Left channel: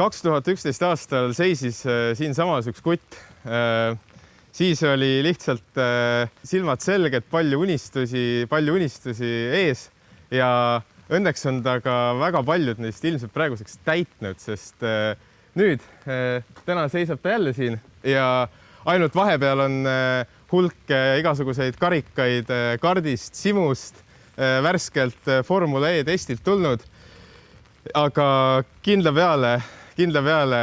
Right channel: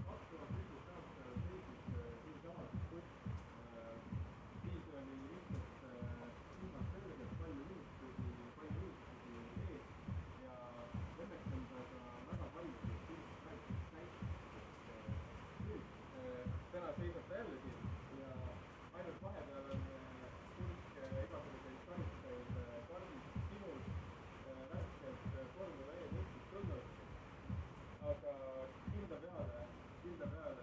2011 aastal seisis siinsamas üks kutt. Siis oli lihtsalt silmad selged, palju unistusi ees ja õnneks on ta ka väga paljud neist ilmselt praeguseks täitnud, sest nüüd täna seisab ta jälle siin ja ainult vahepeal on hulk igasuguseid karikaid kardist, simust, värskelt Formula E testilt tulnud. Aga kindla peale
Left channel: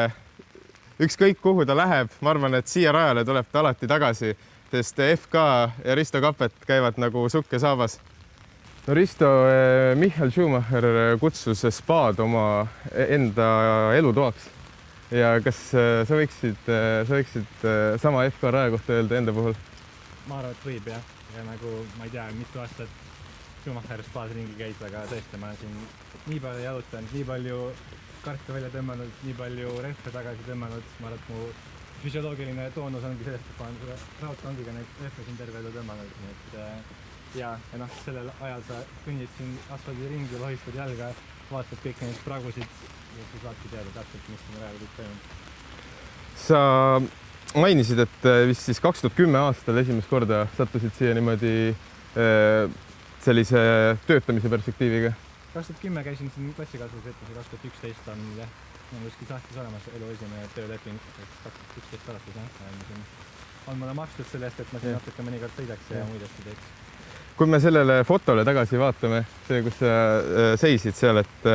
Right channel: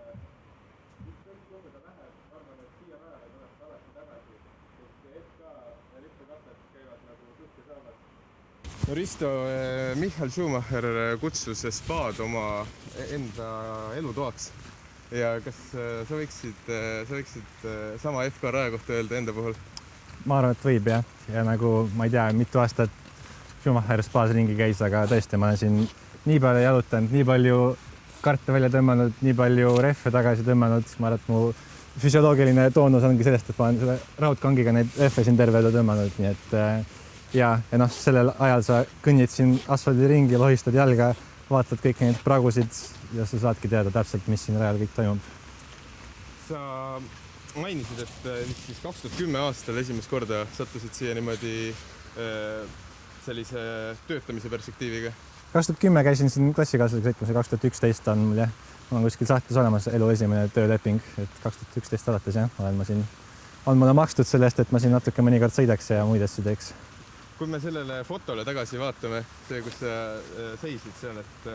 ükskõik kuhu ta läheb, ma arvan, et siia rajale tuleb ta alati tagasi, sest FK ja Risto Kappet käivad nagu sukk ja saabas. No Risto, Michael Schumacher kutsus spaad oma enda elutoaks. Ja kas sa võiksid sama FK raja kohta öelda enda puhul? Ma arvan, et võib jah. Ja nagu ma ei tea, mitu aastat Schumacher spaas ringi käis, aga tõesti ma olen siin nii palju jalutanud, nii palju karte välja tõmmanud, nii palju rehve tagasi tõmmanud. Ma arvan, et mu füsioloogiline toonus ongi sellest, et ma olen selle raudkangiga neid rehve siin terve elu tõmmanud. Nii et ja sellel ajal sa kõnnid siin asfaldi ringi, lohistad jalga, vaatad kõik neid pragusid ja sa saadki teada täpselt, mis siin rajal kõik toimub. Sa mainisid, et vist siis 2010 aastal esimest korda sattusid siia niimoodi sellise töötamise perspektiiviga. 2010 käisin siin klassikaaslasega sõitmas ja 2011 on mul jah, on kuskil sahtlis olemas elu esimene tööleping, et 2011 alates jah, olen ma siin, on mulle makstud sellest, et ma siin natuke mõnikord sõidaks ja muid asju teeks. Kui me sellele fotole tagasi vaatame, see, kus sa seisid seal, et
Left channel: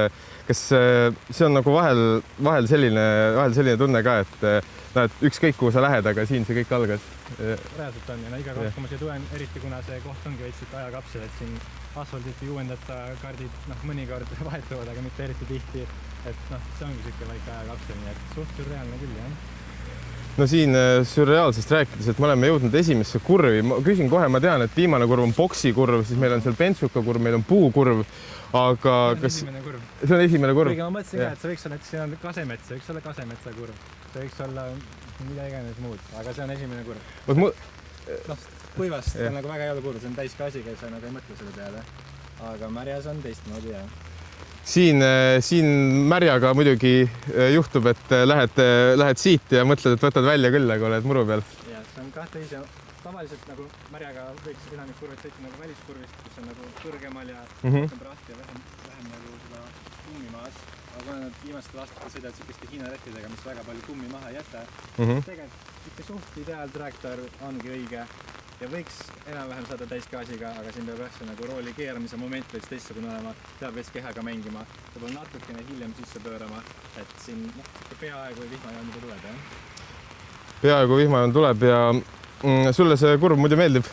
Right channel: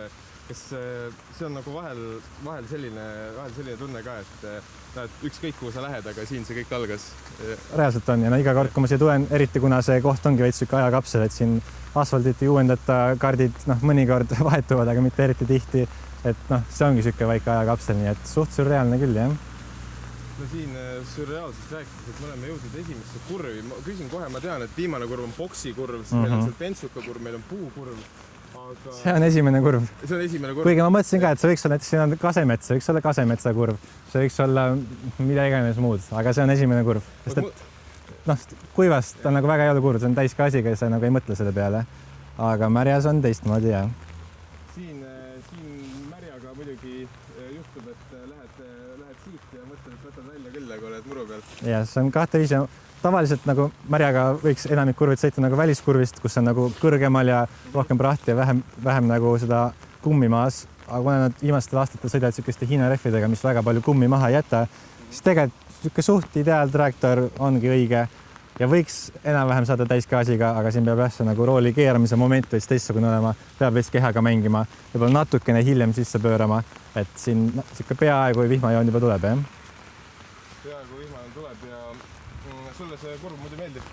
kas see on nagu vahel selline tunne ka, et ükskõik kuhu sa lähed, aga siin see kõik algas? Reaalselt on ja iga kord, kui ma siia tulen, eriti kuna see koht ongi veits siuke ajakapsel, et siin asfaldit ei uuendata, kardid mõnikord vahetuvad, aga mitte eriti tihti. Et see ongi siuke väike ajakapsel, nii et suht surreaalne küll, jah. No siin surreaalsest rääkides, et me oleme jõudnud esimesse kurvi. Ma küsin kohe, ma tean, et viimane kurv on boksi kurv, siis meil on seal pentsuka kurv, meil on puukurv, aga... See on esimene kurv. See on esimene kurv. Kuigi ma mõtlesin ka, et see võiks olla, et siin on kasemets, see võiks olla kasemetsa kurv. See võiks olla mida iganes muud, aga see on esimene kurv. Kuivast on nagu väga jõudu kurv, see on täiskaasiga ja sa nagu ei mõtle selle peale. Aga märjas on teistmoodi, jah. Siin märjaga muidugi juhtub, et lähed siit ja mõtled, et võtad välja küll, aga oled muru peal. Ja see on kahte viisi. Tavaliselt nagu märjaga võiks enamik kurvid sõita nagu väliskurvist, kus on nagu kõrgemal ja rohkem prahti ja vähem nagu seda kummi maas. Aga kuna nad viimastel aastatel sõidavad sükeste Hiina rehvidega, mis väga palju kummi maha ei jäta, siis tegelikult suht ideaaltraktor ongi õige ja võiks enam-vähem saada täiskaasiga, aga siin peab jah nagu rooli keeramise moment veits teistsugune olema, peab veits kehaga mängima, võib-olla natukene hiljem sisse pöörama, et siin peaaegu vihmajoon juba tuleb, jah? Peaaegu vihmajoon tuleb ja sulle see kurv muidu meeldib?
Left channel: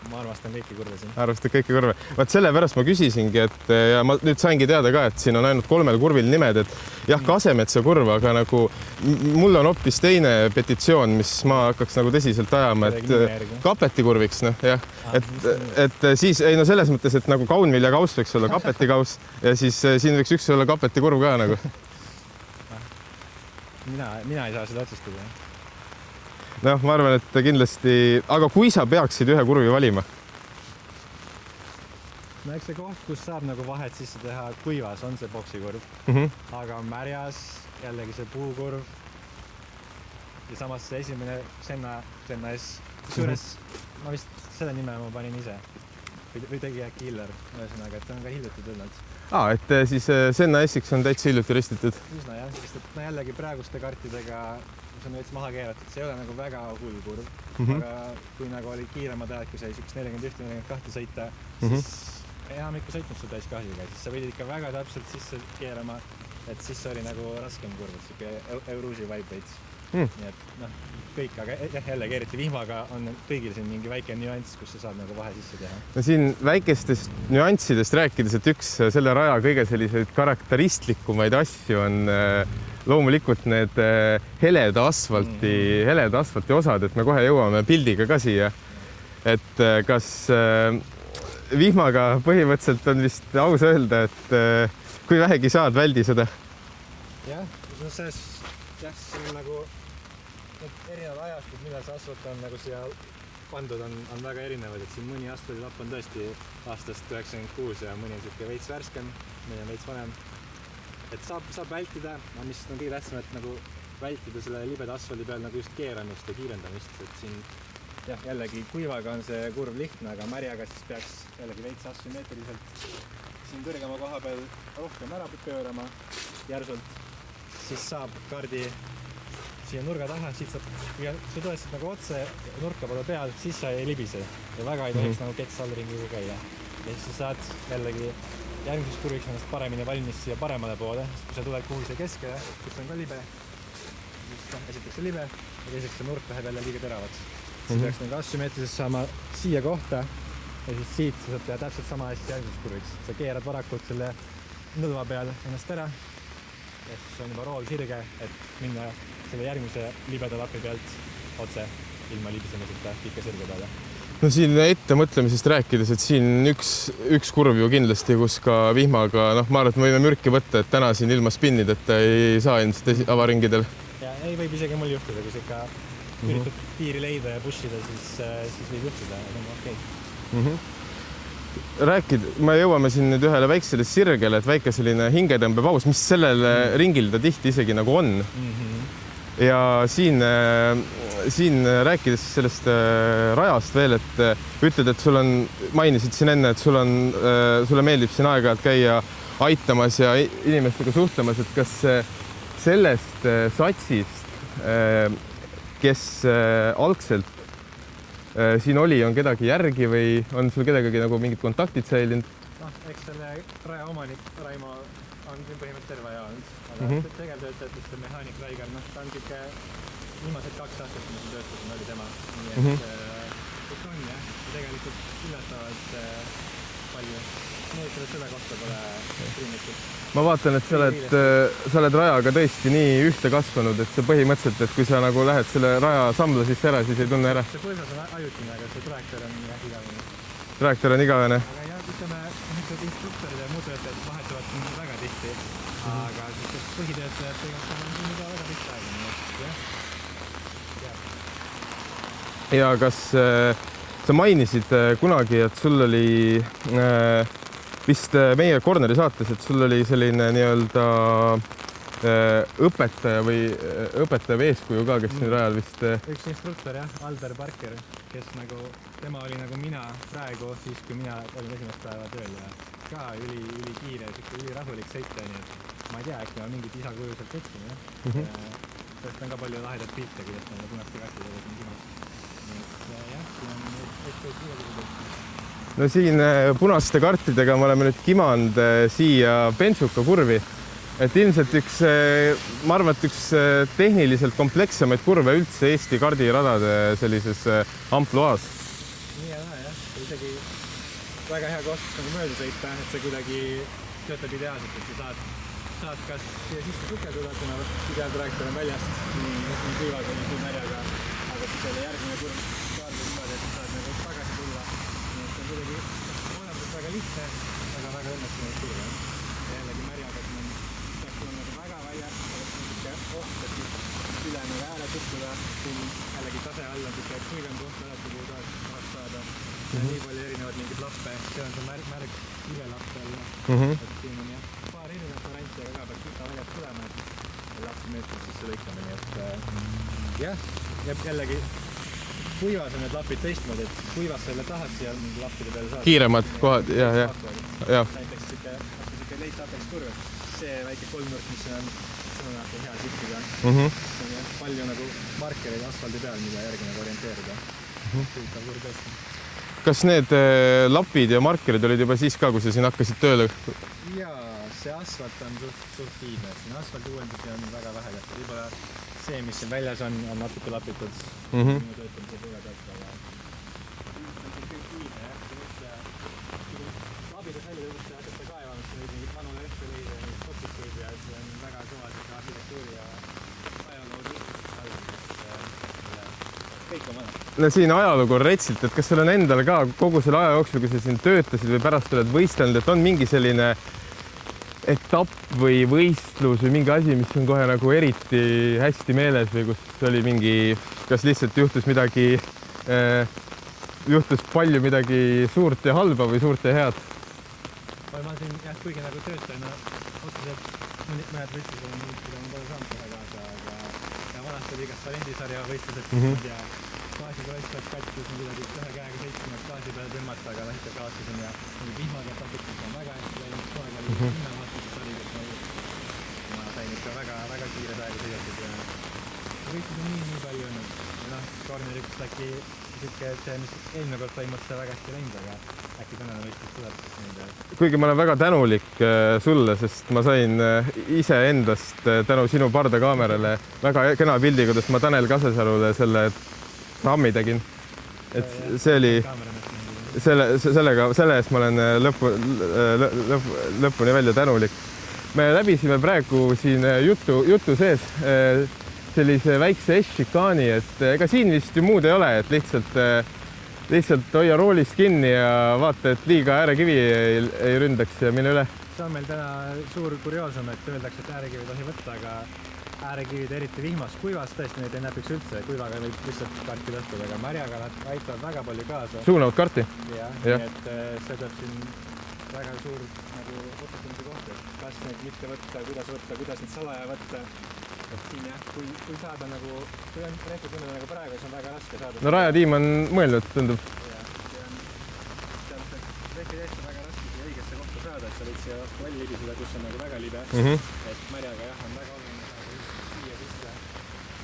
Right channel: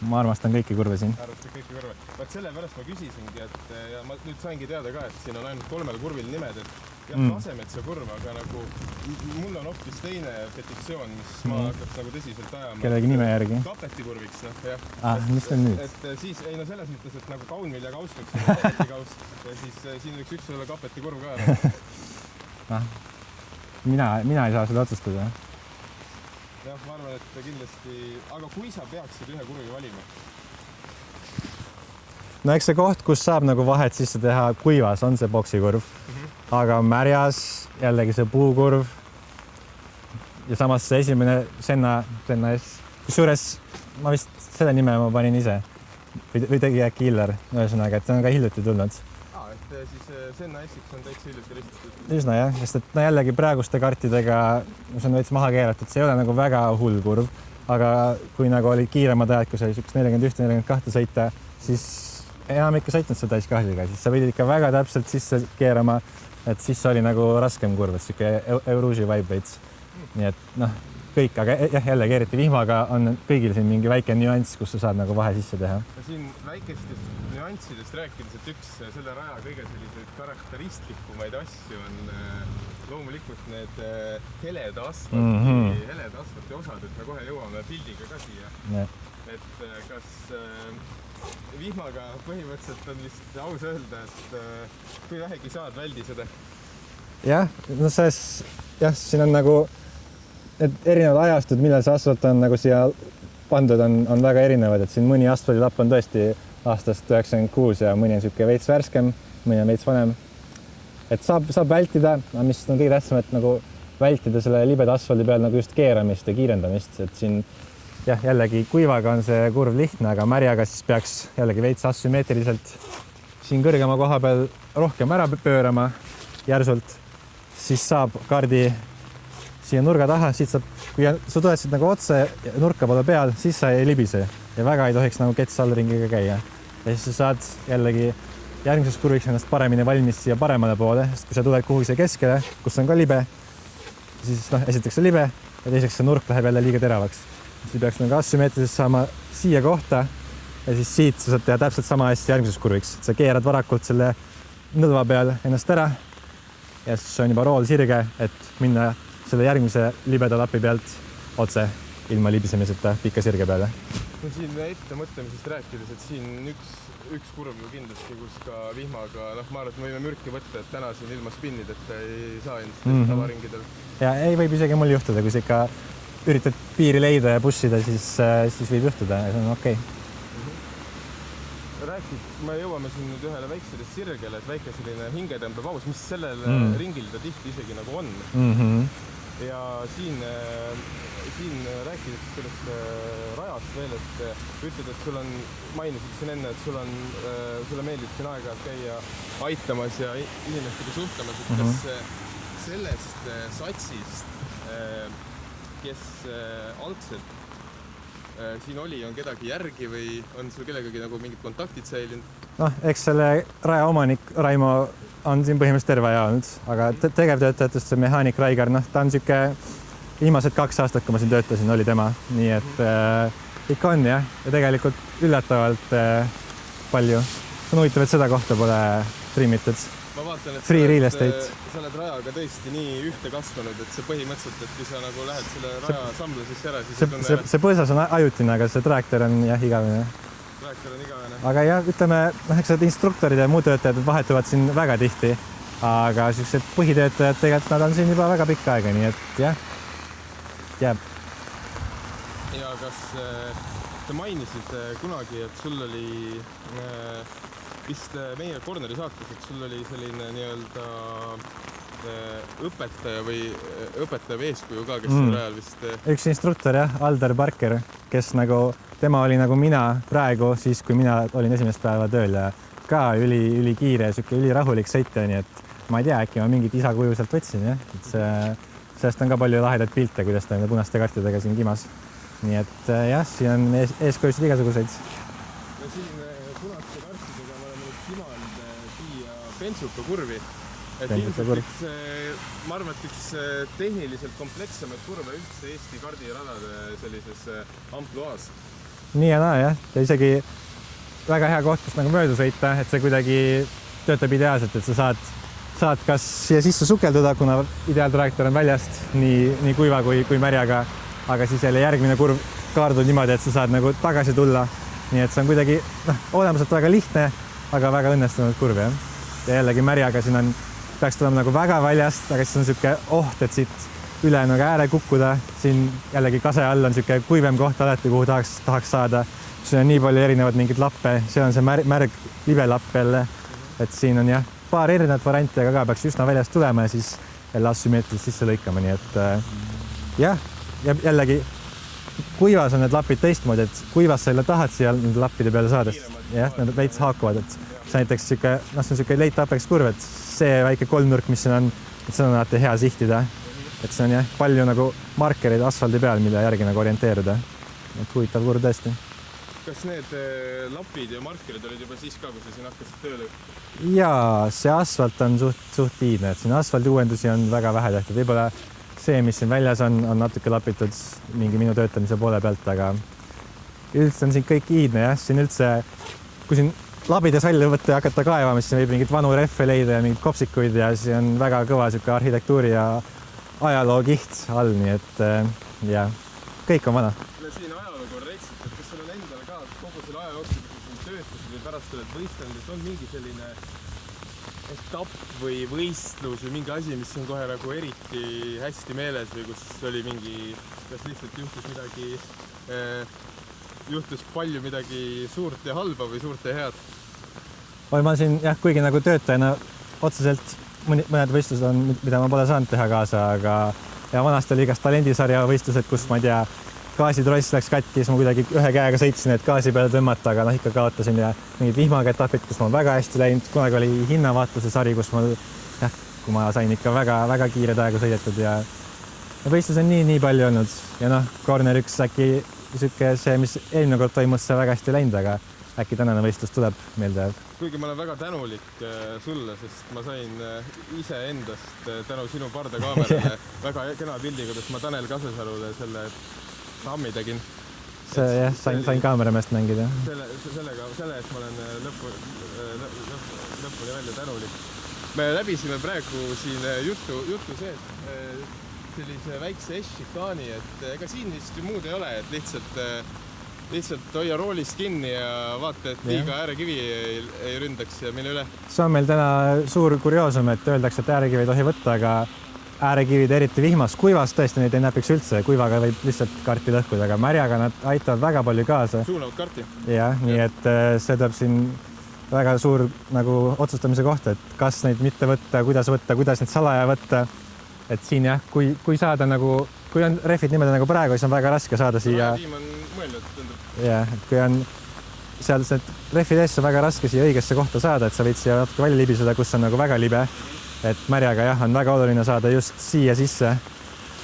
Ma armastan kõiki kurve siin. Arvastad kõiki kurve. Vaat sellepärast ma küsisingi, et ja ma nüüd saingi teada ka, et siin on ainult 3 kurvil nimed, et jah, kasemetsa kurv, aga nagu mul on hoopis teine petitsioon, mis ma hakkaks nagu tõsiselt ajama, et Kapeti kurviks, jah. Et siis, ei no selles mõttes, et nagu kaunviljakauss võiks olla Kapeti kauss ja siis siin võiks üks olla Kapeti kurv ka nagu. Mina ei saa seda otsustada. No, ma arvan, et kindlasti, aga kui sa peaksid ühe kurvi valima? No eks see koht, kus saab nagu vahet sisse teha kuivas, on see boksikurv, aga märjas jällegi see puukurv ja samas see esimene Senna S. Kusjuures ma vist selle nime ma panin ise või tegi äkki Iller, ühesõnaga, et see on ka hiljuti tulnud. Et siis Senna S-iks on täitsa hiljuti ristitud. Üsna jah, sest et jällegi praeguste kartidega see on veits maha keeratud, see ei ole nagu väga hull kurv, aga kui nagu oli kiiremad ajad, kui see oli 41-42 sõita, siis enam ikka sõitnud seda täiskaasiga, siis sa pidid ikka väga täpselt sisse keerama, et siis oli nagu raskem kurv, et siuke Euruži vibe veits. Nii et kõik, aga jällegi eriti vihmaga on kõigil siin mingi väike nüanss, kus sa saad nagu vahe sisse teha. No siin väikestest nüanssidest rääkides, et üks selle raja kõige selliseid karakteristlikumaid asju on loomulikult need heleda asfalti osad, et me kohe jõuame pildiga ka siia. Et kas vihmaga põhimõtteliselt on vist aus öelda, et kui vähegi saad, väldi seda? Jah, no siin on nagu et erinevad ajastud, millal see asfalt on nagu siia pandud, on väga erinevad, et siin mõni asfaldilapp on tõesti aastast 96 ja mõni on siuke veits värskem, mõni on veits vanem. et saab vältida, mis on kõige tähtsam, et nagu vältida selle libeda asfaldi peal nagu just keeramist ja kiirendamist, et siin jah, jällegi kuivaga on see kurv lihtne, aga märjaga siis peaks jällegi veits asümmeetriliselt siin kõrgema koha peal rohkem ära pöörama järsult, siis saab kaardi siia nurga taha, siit saab, kui sa tuled siit nagu otse nurka poole peal, siis sa ei libise ja väga ei tohiks nagu kets allringiga käia. Ja siis sa saad jällegi järgmiseks kurviks ennast paremini valmis siia paremale poole, sest kui sa tuled kuhugi siia keskele, kus on ka libe, siis esiteks see libe ja teiseks see nurk läheb jälle liiga teravaks. Siis peaks nagu asümmeetriliselt saama siia kohta ja siis siit sa saad teha täpselt sama asja järgmiseks kurviks. Sa keerad varakult selle nõlva peal ennast ära ja siis on juba rool sirge, et minna selle järgmise libeda lapi pealt otse ilma libisemiseta pika sirge peale. No siin ettemõtlemisest rääkides, et siin üks kurv ju kindlasti, kus ka vihmaga, ma arvan, et me võime mürki võtta, et täna siin ilma spinnida, et ei saa ilmselt avaringidel. Ja ei võib isegi mul juhtuda, kui sa ikka üritad piiri leida ja pushida, siis võib juhtuda ja see on okei. Me jõuame siin nüüd ühele väiksele sirgele, et väike selline hingetõmbepaus, mis sellel ringil ta tihti isegi nagu on. Ja siin rääkides sellest rajast veel, et ütled, et sul on, mainisid siin enne, et sulle meeldib siin aeg-ajalt käia aitamas ja inimestega suhtlemas, et kas sellest satsist, kes algselt siin oli, on kedagi järgi või on sul kellegagi nagu mingid kontaktid säilinud? Eks selle raja omanik Raimo on siin põhimõtteliselt terve aja olnud, aga tegevtöötajatest see mehaanik Raigar, ta on siuke viimased 2 aastat, kui ma siin töötasin, oli tema, nii et ikka on jah, ja tegelikult üllatavalt palju. On huvitav, et seda kohta pole trimmitud. Ma vaatan, et sa oled rajaga tõesti nii ühte kasvanud, et sa põhimõtteliselt, et kui sa nagu lähed selle raja sambla sisse ära, siis ei tunne ära. See põõsas on ajutine, aga see traaktor on jah igavene. Traaktor on igavene. Aga jah, ütleme, eks need instruktorid ja muud töötajad vahetuvad siin väga tihti, aga sellised põhitöötajad tegelikult nad on siin juba väga pikka aega, nii et jah, jääb. Ja kas sa mainisid kunagi, et sul oli vist meie Corneri saates, et sul oli selline nii-öelda õpetaja või eeskuju ka, kes siin rajal vist... Üks instruktor jah, Aldar Parker, kes nagu, tema oli nagu mina praegu, siis kui mina olin esimest päeva tööl ja ka üli kiire, üli rahulik sõitja, nii et ma ei tea, äkki ma mingit isa kuju sealt võtsin, jah. Sellest on ka palju lahedaid pilte, kuidas ta punaste kartidega siin kimas. Nii et jah, siin on eeskujusid igasuguseid. No siin punaste kartidega me oleme nüüd kimanud siia Pentsuka kurvi. Et ilmselt ma arvan, et üks tehniliselt komplekssemaid kurve üldse Eesti kardiradade sellises ampluaas. Nii ja naa, jah. Ja isegi väga hea koht, kus nagu mööda sõita, et see kuidagi töötab ideaalselt, et sa saad kas siia sisse sukelduda, kuna ideaaltraaktor on väljast nii kuiva kui märjaga, aga siis jälle järgmine kurv kaardub niimoodi, et sa saad nagu tagasi tulla. Nii et see on kuidagi olemuselt väga lihtne, aga väga õnnestunud kurv, jah. Ja jällegi märjaga siin peaks tulema nagu väga väljast, aga siis on siuke et siit üle nagu ääre kukkuda. Siin jällegi kase all on siuke kuivem koht alati, kuhu tahaks saada. Siin on nii palju erinevad mingid lappe, see on see märg libelapp jälle, et siin on jah, paar erinevat varianti, aga ka peaks üsna väljast tulema ja siis jälle asümmeetriliselt sisse lõikama, nii et jah, jällegi kuivas on need lapid teistmoodi, et kuivas sa jälle tahad siia nende lappide peale saada. Kiiremad kohad. Veits haakuvad, et see näiteks see on siuke late apex kurv, et see väike kolmnurk, mis siin on, et seda on alati hea sihtida. Et see on jah, palju nagu markereid asfaldi peal, mida järgi nagu orienteeruda. Huvitav kurv tõesti. Kas need lapid ja markerid olid juba siis ka, kui sa siin hakkasid tööle? Jaa, see asfalt on suht iidne, et siin asfaldi uuendusi on väga vähe tehtud. Võib-olla see, mis siin väljas on natuke lapitud minu töötamise poole pealt, aga üldse on siin kõik iidne, jah. Siin üldse, kui siin labides välja võtta ja hakata kaevama, siis võib mingit vanu rehve leida ja mingid kopsikuid ja see on väga kõva siuke arhitektuuri ja ajaloo kiht all, nii et jah, kõik on vana. No siin ajalugu on retsilt, et kas sul on endal ka kogu selle aja jooksul, kui sa siin töötasid või pärast oled võistelnud, et on mingi selline etapp või võistlus või mingi asi, mis on kohe nagu eriti hästi meeles või kus oli mingi, kas lihtsalt juhtus palju midagi suurt ja halba või suurt ja head? Ma siin jah, kuigi nagu töötajana otseselt mõned võistlused on, mida ma pole saanud teha kaasa, aga ja vanasti oli igast talendisarja võistlused, kus ma ei tea, gaasitross läks katki, siis ma kuidagi ühe käega sõitsin, et gaasi peale tõmmata, aga noh, ikka kaotasin ja mingid vihmaga etapid, kus ma olen väga hästi läinud, kunagi oli hinnavaatluse sari, kus ma jah, kui ma sain ikka väga kiired aegu sõidetud ja võistlus on nii palju olnud ja noh, Corner 1 äkki sihuke see, mis eelmine kord toimus, see väga hästi läinud, aga äkki tänane võistlus tuleb meelde. Kuigi ma olen väga tänulik sulle, sest ma sain iseendast tänu sinu pardakaamerale väga kena pildi, kuidas ma Tanel Kasesarule selle rammi tegin. See oli kaamerameest mängida. Selle eest ma olen lõpuni välja tänulik. Me läbisime praegu siin jutu sees sellise väikse S-šikaani, et ega siin vist ju muud ei ole, et lihtsalt hoia roolist kinni ja vaata, et liiga äärekivi ei ründaks ja mille üle. See on meil täna suur kurioosum, et öeldakse, et äärekivi ei tohi võtta, aga äärekivid eriti vihmas, kuivas tõesti neid ei näpiks üldse, kuivaga võib lihtsalt karti lõhkuda, aga märjaga nad aitavad väga palju kaasa. Suunavad karti? Jah, nii et see tuleb siin väga suur nagu otsustamise kohta, et kas neid mitte võtta, kuidas neid salaja võtta. Et siin jah, kui saada nagu, kui on rehvid niimoodi nagu praegu, siis on väga raske saada siia. No rajatiim on mõelnud, tundub. Jah, kui on seal see rehvid ees on väga raske siia õigesse kohta saada, et sa võid siia natuke välja libiseda, kus on nagu väga libe. Et märjaga jah, on väga oluline saada just siia sisse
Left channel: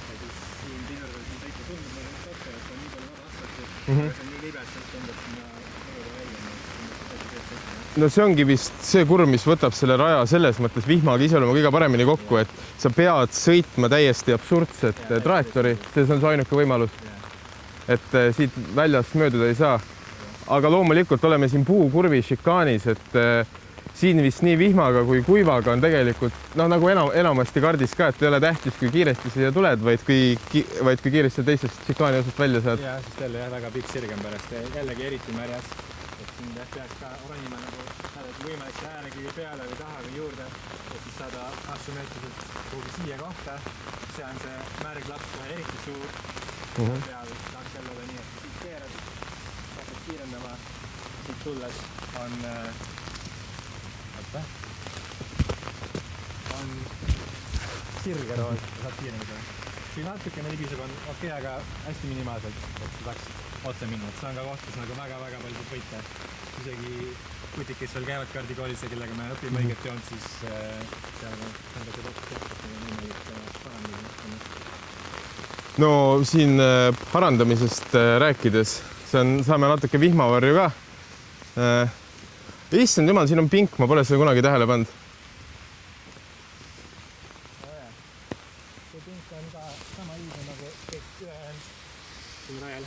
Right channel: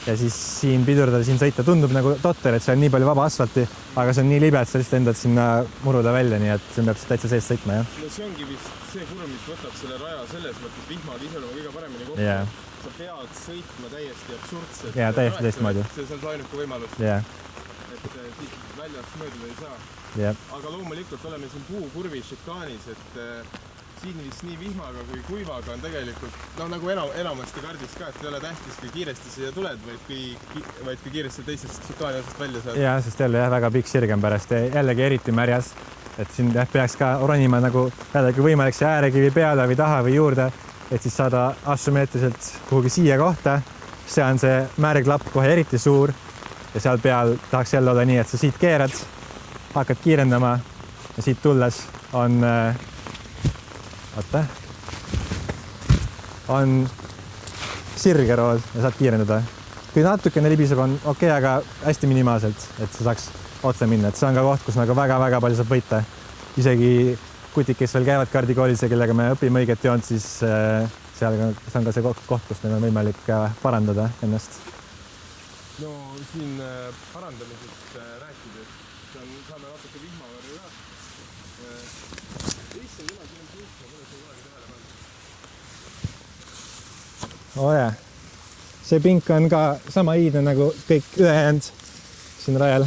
ja siis siin pidurdada, siin sõita tundub nagu totter, et see on nii palju vaba asfalti, aga see on nii libe, et sa lihtsalt endad sinna muruda välja, nii et siin peab täitsa seest sõitma. Ja? No see ongi vist see kurv, mis võtab selle raja selles mõttes vihmaga iseloomu kõige paremini kokku, et sa pead sõitma täiesti absurdset trajektoori. See on see ainuke võimalus, et siit väljast mööduda ei saa. Aga loomulikult oleme siin puukurvi šikaanis, et siin vist nii vihmaga kui kuivaga on tegelikult nagu enamasti kardis ka, et ei ole tähtis, kui kiiresti siia tuled, vaid kui kiiresti teisest šikaani osast välja saad. Ja, sest jälle väga pikk sirgem pärast ja jällegi eriti märjas, et siin peaks ka ronima nagu jällegi võimalik see äärekivi peale või taha või juurde, et siis saada asümmeetriliselt kuhugi siia kohta. See on see märglapp kohe eriti suur ja seal peal tahaks jälle olla nii, et sa siit keerad, hakkad kiirendama ja siit tulles on sirge rool ja saad kiirendada. Kui natukene libiseb on okei, aga hästi minimaalselt, et sa saaks otse minna. Et see on ka koht, kus nagu väga palju saab võita. Isegi kutik, kes veel käivad kardikoolis ja kellega me õpime õiget joont, siis seal on ka see koht, kus meil on võimalik parandada ennast. No siin parandamisest rääkides, saame natuke vihmavarju ka. Issand jumal, siin on pink, ma pole seda kunagi tähele pannud. Jah. See pink on ka sama iidne nagu kõik ülejäänud siin rajal.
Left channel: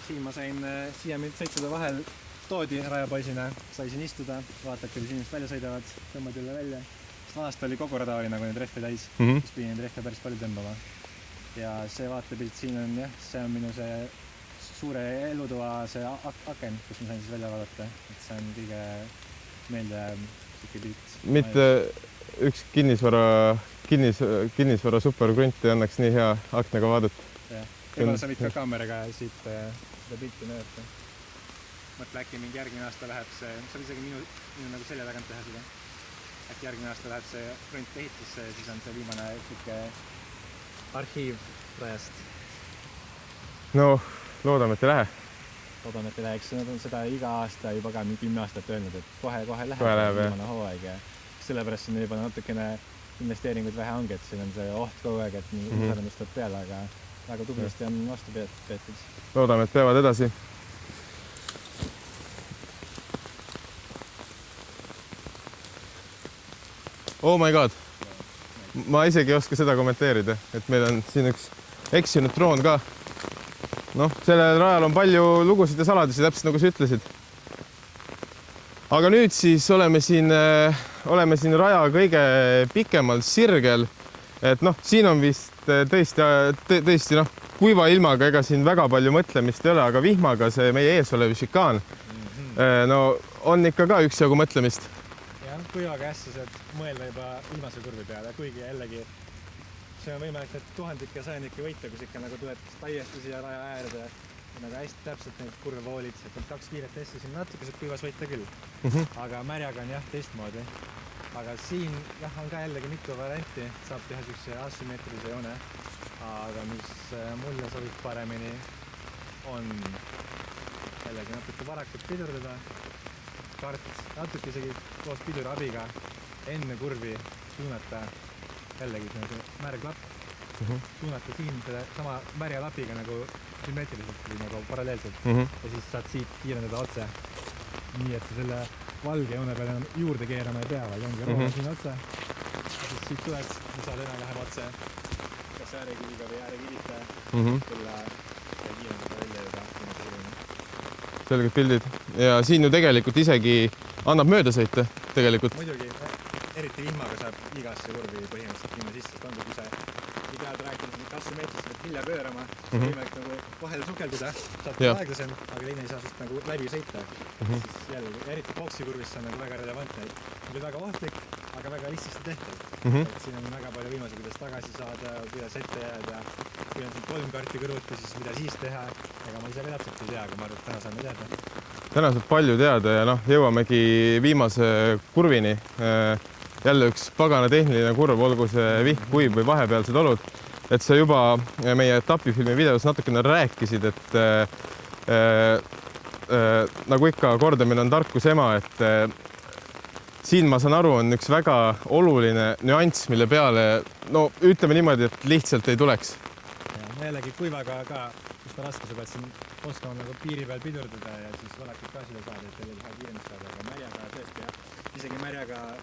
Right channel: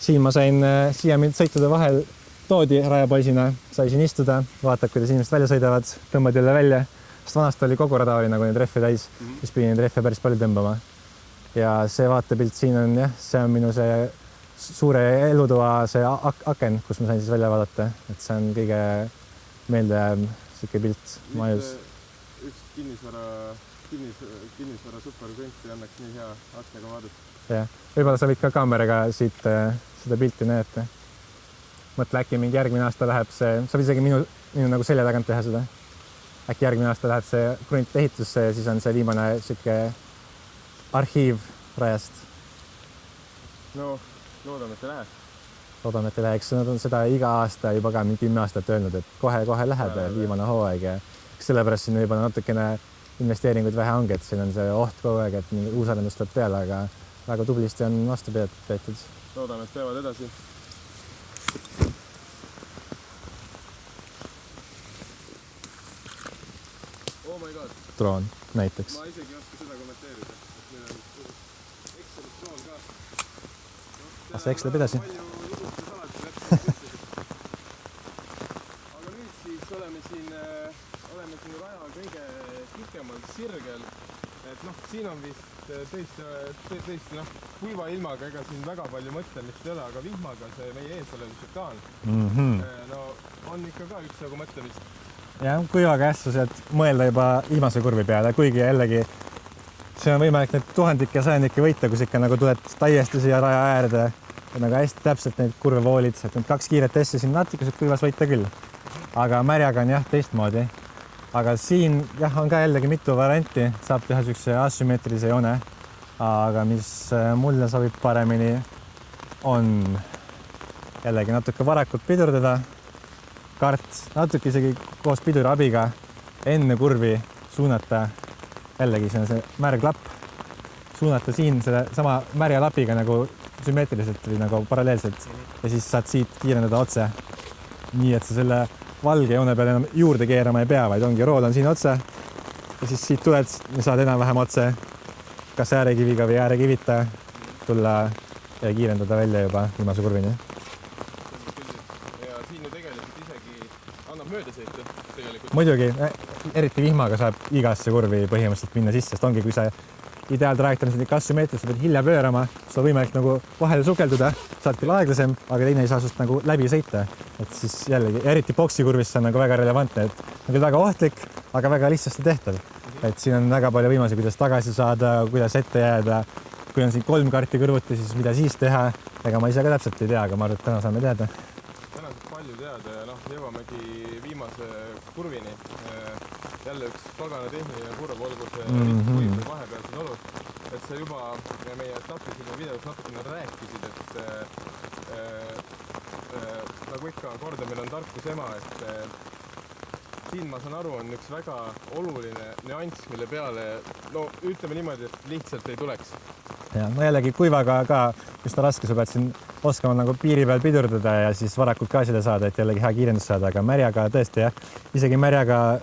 Siin ma sain siia sõitude vahel toodi rajapoisina, sai siin istuda, vaatad, kuidas inimesed välja sõidavad, tõmbad jälle välja. Sest vanast oli kogu rada oli nagu neid rehve täis, siis pidi neid rehve päris palju tõmbama. Ja see vaatepilt siin on jah, see on minu see suure elutoa see aken, kus ma sain siis välja vaadata, et see on kõige meeldejääv siuke pilt. Mitte üks kinnisvara superkrunt ei annaks nii hea aknaga vaadata. Jah, võib-olla sa võid ka kaameraga siit seda pilti näete. Mõtle, äkki mingi järgmine aasta läheb see, sa võid isegi minu nagu selja tagant teha seda. Äkki järgmine aasta läheb see krunt ehitusse ja siis on see viimane siuke arhiiv rajast. No, loodame, et ei lähe. Loodame, et ei läheks. Nad on seda iga aasta juba ka 10 aastat öelnud, et kohe läheb viimane hooaeg ja sellepärast siin juba natukene investeeringuid vähe ongi, et siin on see oht kogu aeg, et uusarendus tuleb peale, aga väga tublisti on vastu peetud. Loodame, et peavad edasi. Oh my god. Droon näiteks. Ma isegi ei oska seda kommenteerida, et meil on siin üks eksinud droon ka. Noh, sellel rajal on palju lugusid ja saladusi, täpselt nagu sa ütlesid. Aga nüüd siis oleme siin raja kõige pikemal sirgel. Et noh, siin on vist tõesti kuiva ilmaga, ega siin väga palju mõtlemist ei ole, aga vihmaga see meie ees olev šikaan no on ikka ka üksjagu mõtlemist. Ja, kuivaga sa saad mõelda juba viimase kurvi peale, kuigi jällegi see on võimalik need tuhandikke ja sajandike võita, kus ikka nagu tuled täiesti siia raja äärde ja nagu hästi täpselt neid kurve voolid, et need 2 kiiret S-i siin natuke kuivas võita küll. Aga märjaga on jah teistmoodi. aga siin jah, on ka jällegi mitu varianti, saab teha siukse asümmeetrilise joone. Aga mis mulle sobib paremini, on jällegi natuke varakult pidurdada. Kart natuke isegi koos piduri abiga enne kurvi suunata, jällegi see on see märglapp, suunata siin selle sama märja lapiga nagu sümmeetriliselt või nagu paralleelselt ja siis saad siit kiirendada otse. Nii, et sa selle valge joone peale enam juurde keerama ei pea, vaid ongi rool on siin otse ja siis siit tuled ja saad enam-vähem otse kas äärekiviga või äärekivita tulla ja kiirendada välja juba viimase kurvini. Selged pildid ja siin ju tegelikult isegi annab mööda sõita tegelikult. Muidugi, eriti vihmaga saab igasse kurvi põhimõtteliselt minna sisse, sest ongi, kui see ideaaltrajektoor on selline asümmeetriliselt, pead hilja pöörama, sul on võimalik nagu vahele sukelduda, saad küll aeglasem, aga teine ei saa sust nagu läbi sõita. Et siis jällegi, eriti boksikurvis see on nagu väga relevantne, et on küll väga ohtlik, aga väga lihtsasti tehtav. Et siin on väga palju võimalusi, kuidas tagasi saada, kuidas ette jääda. Kui on siin 3 karti kõrvuti, siis mida siis teha? Ega ma ise ka täpselt ei tea, aga ma arvan, et täna saame teada. Täna saab palju teada ja jõuamegi viimase kurvini. Jälle üks pagana tehniline kurv, olgu see vihm, kuiv või vahepealsed olud. Et sa juba meie etapifilmi videos natukene rääkisid, et nagu ikka kordamine on tarkus ema, et siin ma saan aru, on üks väga oluline nüanss, mille peale, no ütleme niimoodi, et lihtsalt ei tuleks. Ja, no jällegi kuivaga ka, kus ta raske, sa pead siin oskama nagu piiri peal pidurdada ja siis varakult gaasile saada, et jällegi hea kiirendus saada, aga märjaga tõesti jah, isegi märjaga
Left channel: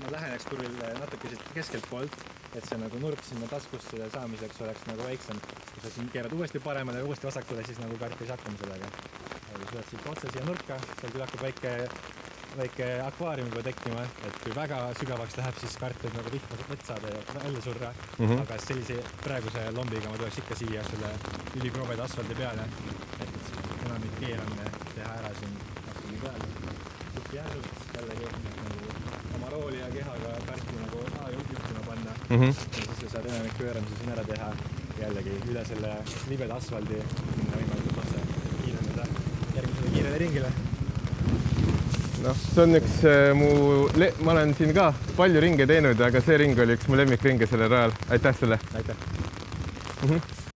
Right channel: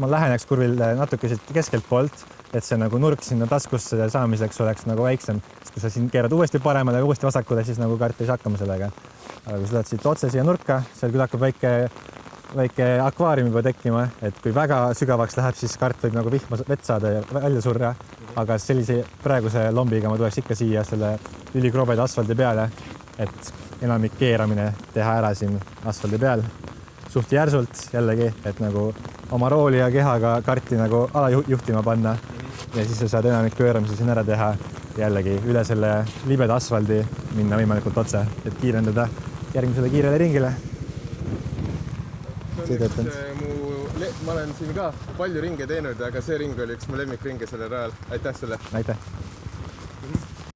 ma läheneks kurvile natuke keskelt poolt, et see nagu nurk sinna taskusse saamiseks oleks nagu väiksem, sest kui sa siin keerad uuesti paremale ja uuesti vasakule, siis nagu kart ei saa hakkama sellega. Aga kui sa tuled siit otse siia nurka, seal küll hakkab väike akvaarium juba tekkima, et kui väga sügavaks läheb, siis kart võib nagu vihma vett saada ja välja surra. Aga sellise praeguse lombiga ma tuleks ikka siia selle ülikroobeid asfaldi peale, et enamik keeramine teha ära siin asfaldi peal. Suht järsult jällegi, et nagu oma rooli ja kehaga karti nagu alajuhtima panna ja siis sa saad enamik pööramisi siin ära teha jällegi üle selle libeda asfaldi minna võimalikult otse, et kiirendada järgmisele kiirele ringile. See on üks ma olen siin ka palju ringe teinud, aga see ring oli üks mu lemmikringe sellel rajal. Aitäh sulle! Aitäh!